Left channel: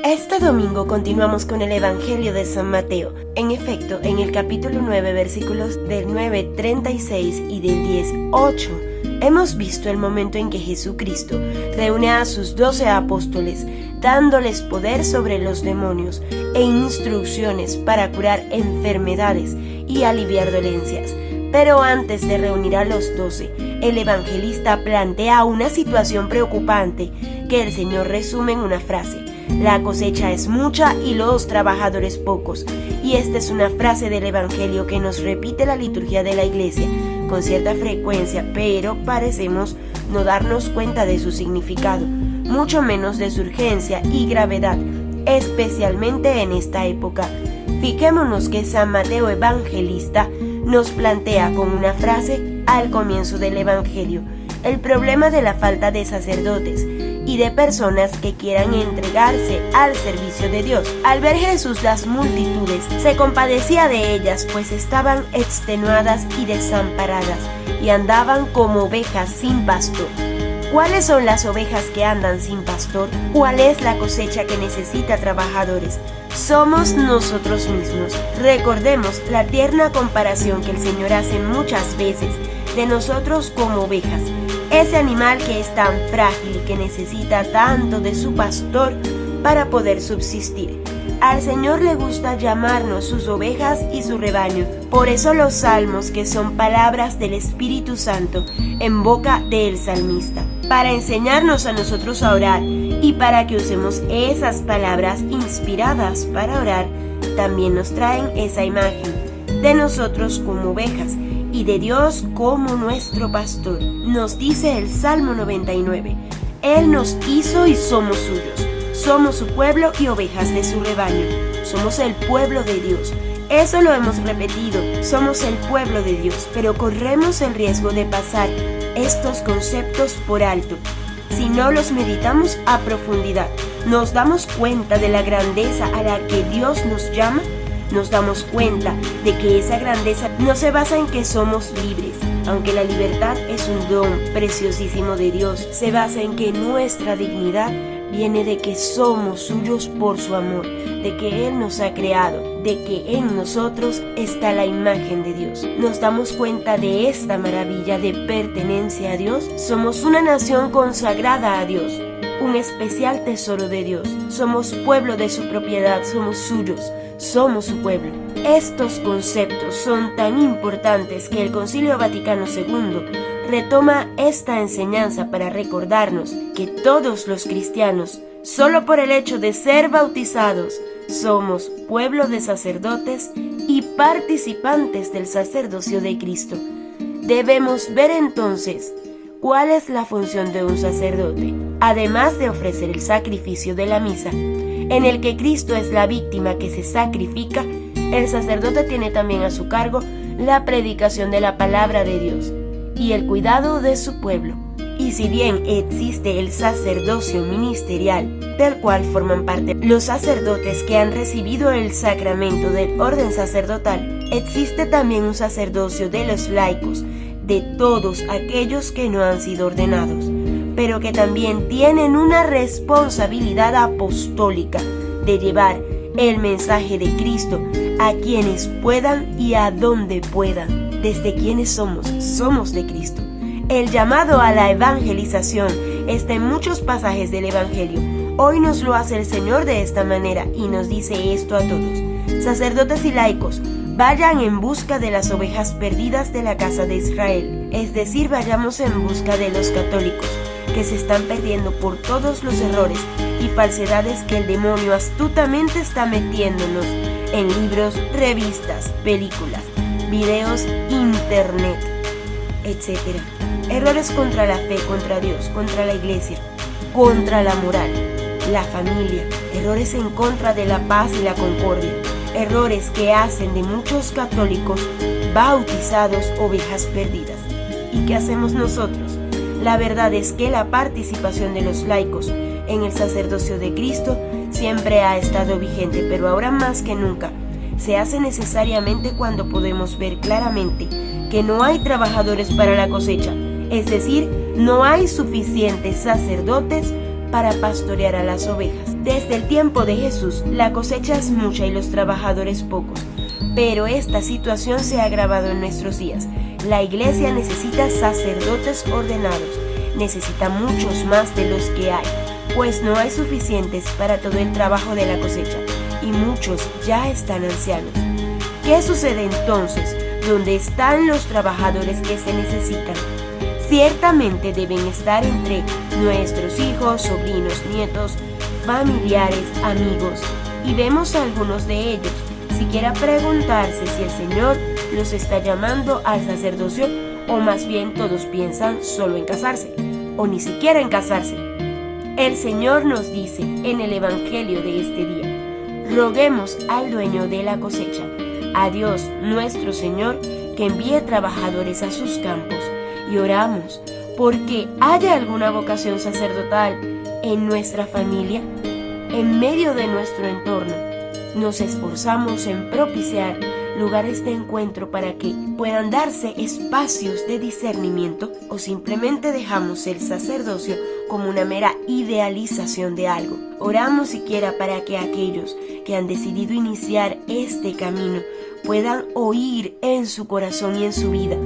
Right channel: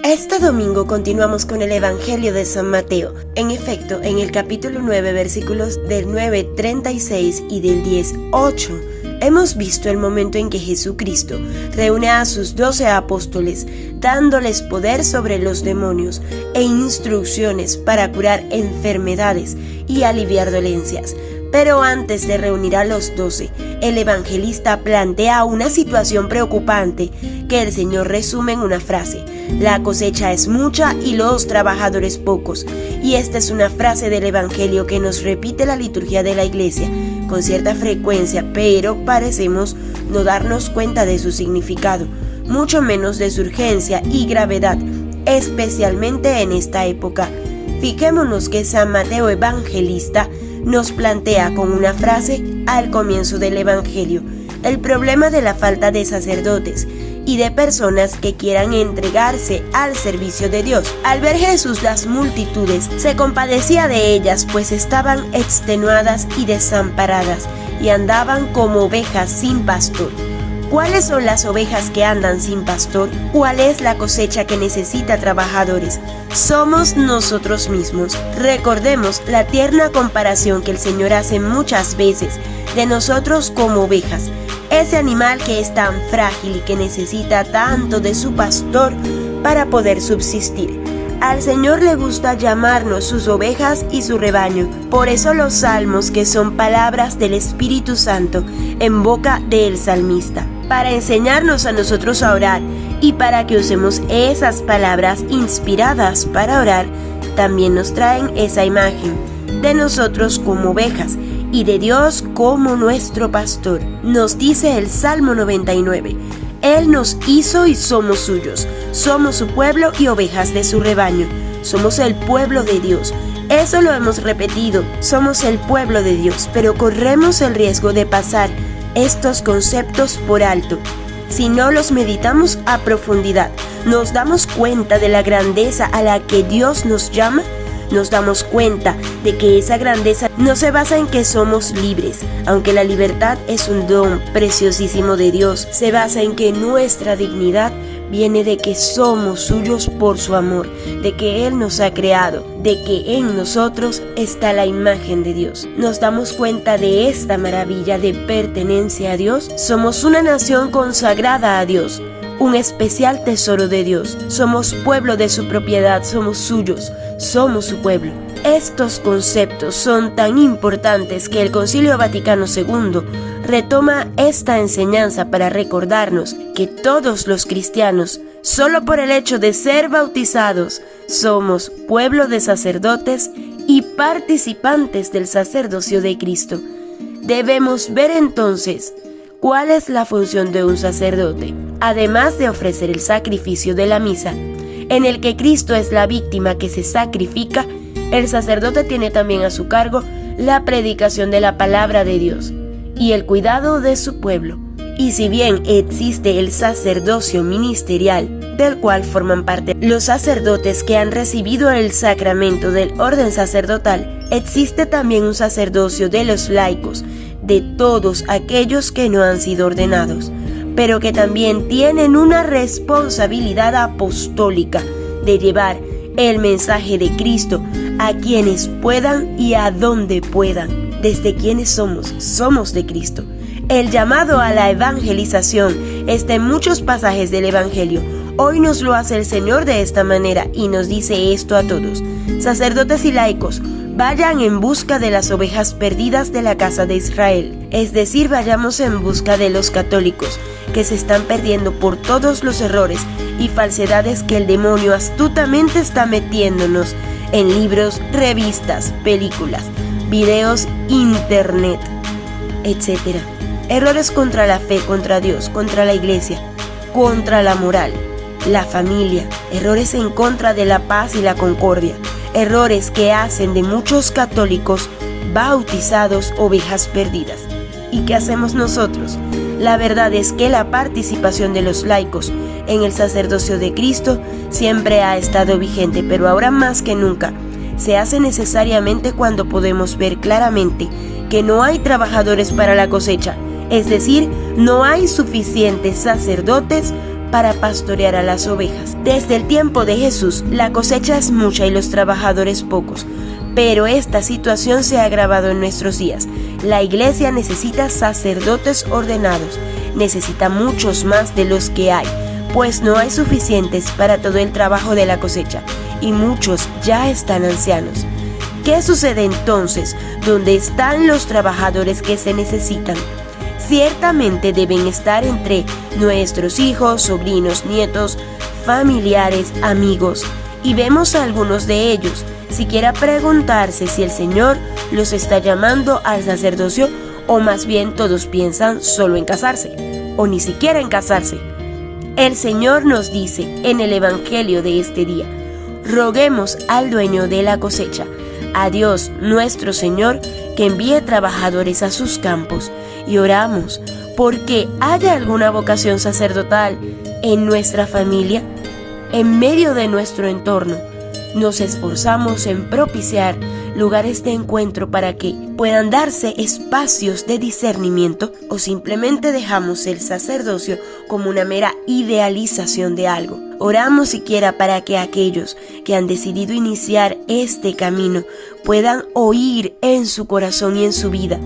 Este domingo continuamos con el Evangelio de San Mateo. En efecto, en el capítulo 9, versículos del 9:36 y del 10:8, hemos visto el momento en que Jesucristo reúne a sus 12 apóstoles, dándoles poder sobre los demonios e instrucciones para curar enfermedades y aliviar dolencias. Pero antes de reunir a los 12, el evangelista plantea una situación preocupante que el Señor resume en una frase: la cosecha es mucha y los trabajadores pocos. Y esta es una frase del Evangelio que nos repite la liturgia de la Iglesia con cierta frecuencia, pero parecemos no darnos cuenta de su significado, mucho menos de su urgencia y gravedad, especialmente en esta época. Fijémonos que San Mateo Evangelista nos plantea con una frase al comienzo del Evangelio el problema de la falta de sacerdotes y de personas que quieran entregarse al servicio de Dios. Al ver Jesús las multitudes, se compadecía de ellas, pues estaban extenuadas y desamparadas, y andaban como ovejas sin pastor. ¿Cuáles son las ovejas que andan sin pastor? ¿Cuál es la cosecha que necesita trabajadores? Somos nosotros mismos. Recordemos la tierna comparación que el Señor hace muchas veces de nosotros como ovejas, ese animal que es tan frágil y que necesita tanto de su pastor para poder subsistir. Al Señor le gusta llamarnos sus ovejas y su rebaño. Por eso los salmos, que son palabras del Espíritu Santo en boca del salmista, para enseñarnos a nosotros a orar y para que usemos esas palabras inspiradas para orar, también nos traen esa imagen de nosotros como ovejas y de Dios como nuestro pastor. Nos dice el Salmo 99, Él nos hizo y somos suyos, somos su pueblo y ovejas de su rebaño, somos el pueblo de Dios. Eso lo hemos repetido, somos el pueblo de Dios, pero corremos el riesgo de pasar estos conceptos por alto. Si no los meditamos a profundidad, nos damos cuenta de la grandeza a la que Dios nos llama. Nos damos cuenta de que esa grandeza no se basa en que somos libres, aunque la libertad es un don preciosísimo de Dios. Se basa en que nuestra dignidad viene de que somos suyos por su amor, de que Él nos ha creado, de que en nosotros está la imagen de Dios. Nos damos cuenta de esta maravilla de pertenencia a Dios. Somos una nación consagrada a Dios, un especial tesoro de Dios. Somos pueblo de su propiedad, somos suyos, somos su pueblo. Estos conceptos son tan importantes que el Concilio Vaticano II retoma esta enseñanza para recordarnos que todos los cristianos, solo por el hecho de ser bautizados, somos pueblo de sacerdotes y participantes del sacerdocio de Cristo. Debemos ver entonces cuál es la función de un sacerdote, además de ofrecer el sacrificio de la misa, en el que Cristo es la víctima que se sacrifica. El sacerdote tiene también a su cargo la predicación de la palabra de Dios y el cuidado de su pueblo. Y si bien existe el sacerdocio ministerial, del cual forman parte los sacerdotes que han recibido el sacramento del orden sacerdotal, existe también un sacerdocio de los laicos, de todos aquellos que no han sido ordenados, pero que también tienen una responsabilidad apostólica de llevar el mensaje de Cristo a quienes puedan y a donde puedan. Desde quienes somos de Cristo. El llamado a la evangelización está en muchos pasajes del Evangelio. Hoy nos lo hace el Señor de esta manera y nos dice esto a todos: sacerdotes y laicos, vayan en busca de las ovejas perdidas de la casa de Israel. Es decir, vayamos en busca de los católicos que se están perdiendo por todos los errores y falsedades que el demonio astutamente está metiéndonos en libros, revistas, películas, videos, internet, etc. Errores contra la fe, contra Dios, contra la iglesia, contra la moral, la familia, errores en contra de la paz y la concordia, errores que hacen de muchos católicos bautizados ovejas perdidas. ¿Y qué hacemos nosotros? La verdad es que la participación de los laicos en el sacerdocio de Cristo siempre ha estado vigente, pero ahora más que nunca se hace necesariamente cuando podemos ver claramente que no hay trabajadores para la cosecha, es decir, no hay suficientes sacerdotes para pastorear a las ovejas. Desde el tiempo de Jesús, la cosecha es mucha y los trabajadores pocos. Pero esta situación se ha agravado en nuestros días. La iglesia necesita sacerdotes ordenados, necesita muchos más de los que hay, pues no hay suficientes para todo el trabajo de la cosecha, y muchos ya están ancianos. ¿Qué sucede entonces? ¿Dónde están los trabajadores que se necesitan? Ciertamente deben estar entre nuestros hijos, sobrinos, nietos, familiares, amigos, y vemos a algunos de ellos. Siquiera preguntarse si el Señor los está llamando al sacerdocio, o más bien todos piensan solo en casarse, o ni siquiera en casarse. El Señor nos dice en el Evangelio de este día: roguemos al dueño de la cosecha, a Dios nuestro Señor, que envíe trabajadores a sus campos, y oramos porque haya alguna vocación sacerdotal en nuestra familia, en medio de nuestro entorno. Nos esforzamos en propiciar lugares de encuentro para que puedan darse espacios de discernimiento, o simplemente dejamos el sacerdocio como una mera idealización de algo. Oramos siquiera para que aquellos que han decidido iniciar este camino puedan oír en su corazón y en su vida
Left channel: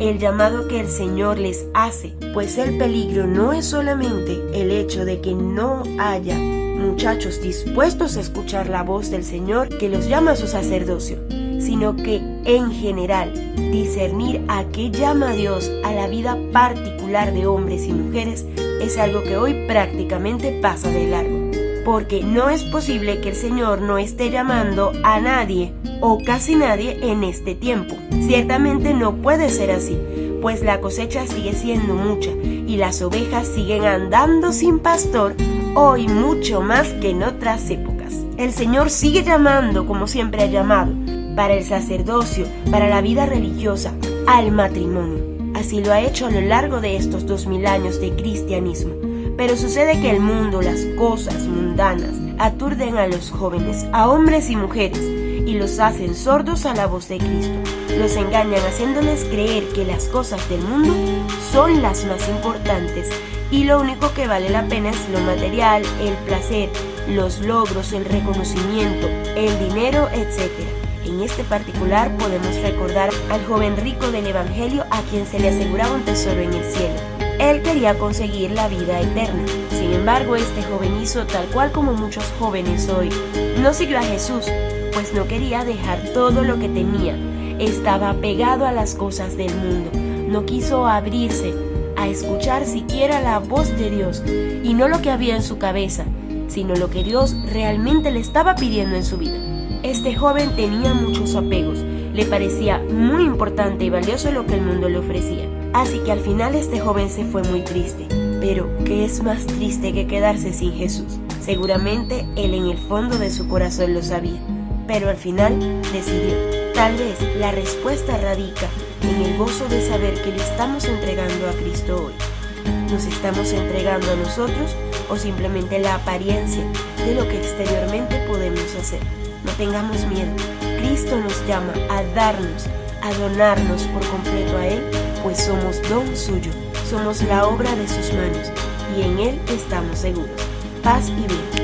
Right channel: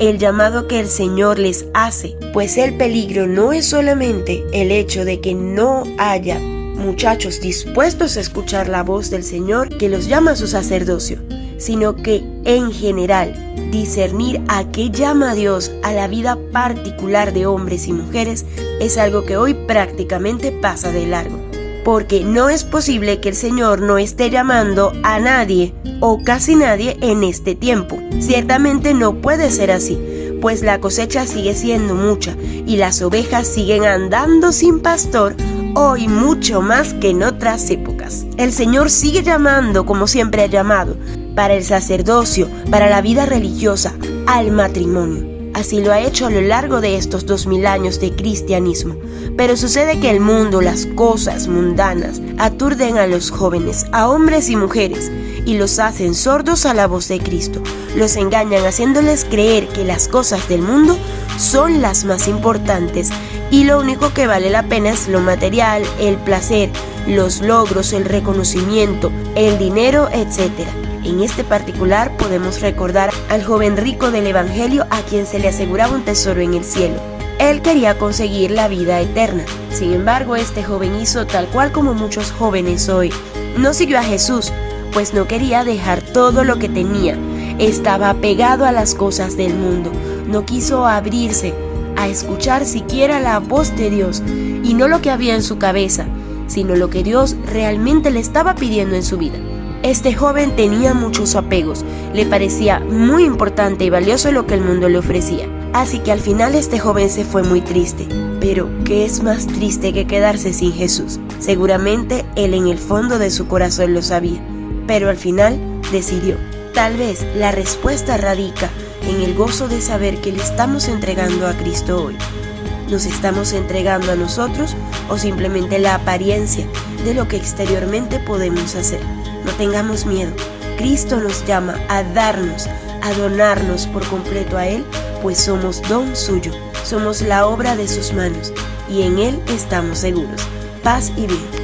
el llamado que el Señor les hace, pues el peligro no es solamente el hecho de que no haya muchachos dispuestos a escuchar la voz del Señor que los llama a su sacerdocio, sino que en general discernir a qué llama a Dios a la vida particular de hombres y mujeres es algo que hoy prácticamente pasa de largo, porque no es posible que el Señor no esté llamando a nadie o casi nadie en este tiempo. Ciertamente no puede ser así, pues la cosecha sigue siendo mucha y las ovejas siguen andando sin pastor hoy mucho más que en otras épocas. El Señor sigue llamando como siempre ha llamado, para el sacerdocio, para la vida religiosa, al matrimonio. Así lo ha hecho a lo largo de estos 2000 años de cristianismo. Pero sucede que el mundo, las cosas mundanas, aturden a los jóvenes, a hombres y mujeres, y los hacen sordos a la voz de Cristo. Los engañan haciéndoles creer que las cosas del mundo son las más importantes, y lo único que vale la pena es lo material, el placer, los logros, el reconocimiento, el dinero, etc. En este particular podemos recordar al joven rico del Evangelio a quien se le aseguraba un tesoro en el cielo. Él quería conseguir la vida eterna. Sin embargo, este joven hizo tal cual como muchos jóvenes hoy. No siguió a Jesús, pues no quería dejar todo lo que tenía. Estaba apegado a las cosas del mundo. No quiso abrirse a escuchar siquiera la voz de Dios, y no lo que había en su cabeza, sino lo que Dios realmente le estaba pidiendo en su vida. Este joven tenía muchos apegos, le parecía muy importante y valioso lo que el mundo le ofrecía. Así que al final este joven se fue muy triste. Pero, ¿qué es más triste que quedarse sin Jesús? Seguramente él en el fondo de su corazón lo sabía, pero al final decidió. Tal vez la respuesta radica en el gozo de saber que le estamos entregando a Cristo hoy. ¿Nos estamos entregando a nosotros o simplemente la apariencia de lo que exteriormente podemos hacer? No tengamos miedo. Cristo nos llama a darnos, a donarnos por completo a Él, pues somos don suyo, somos la obra de sus manos y en Él estamos seguros. Paz y bien.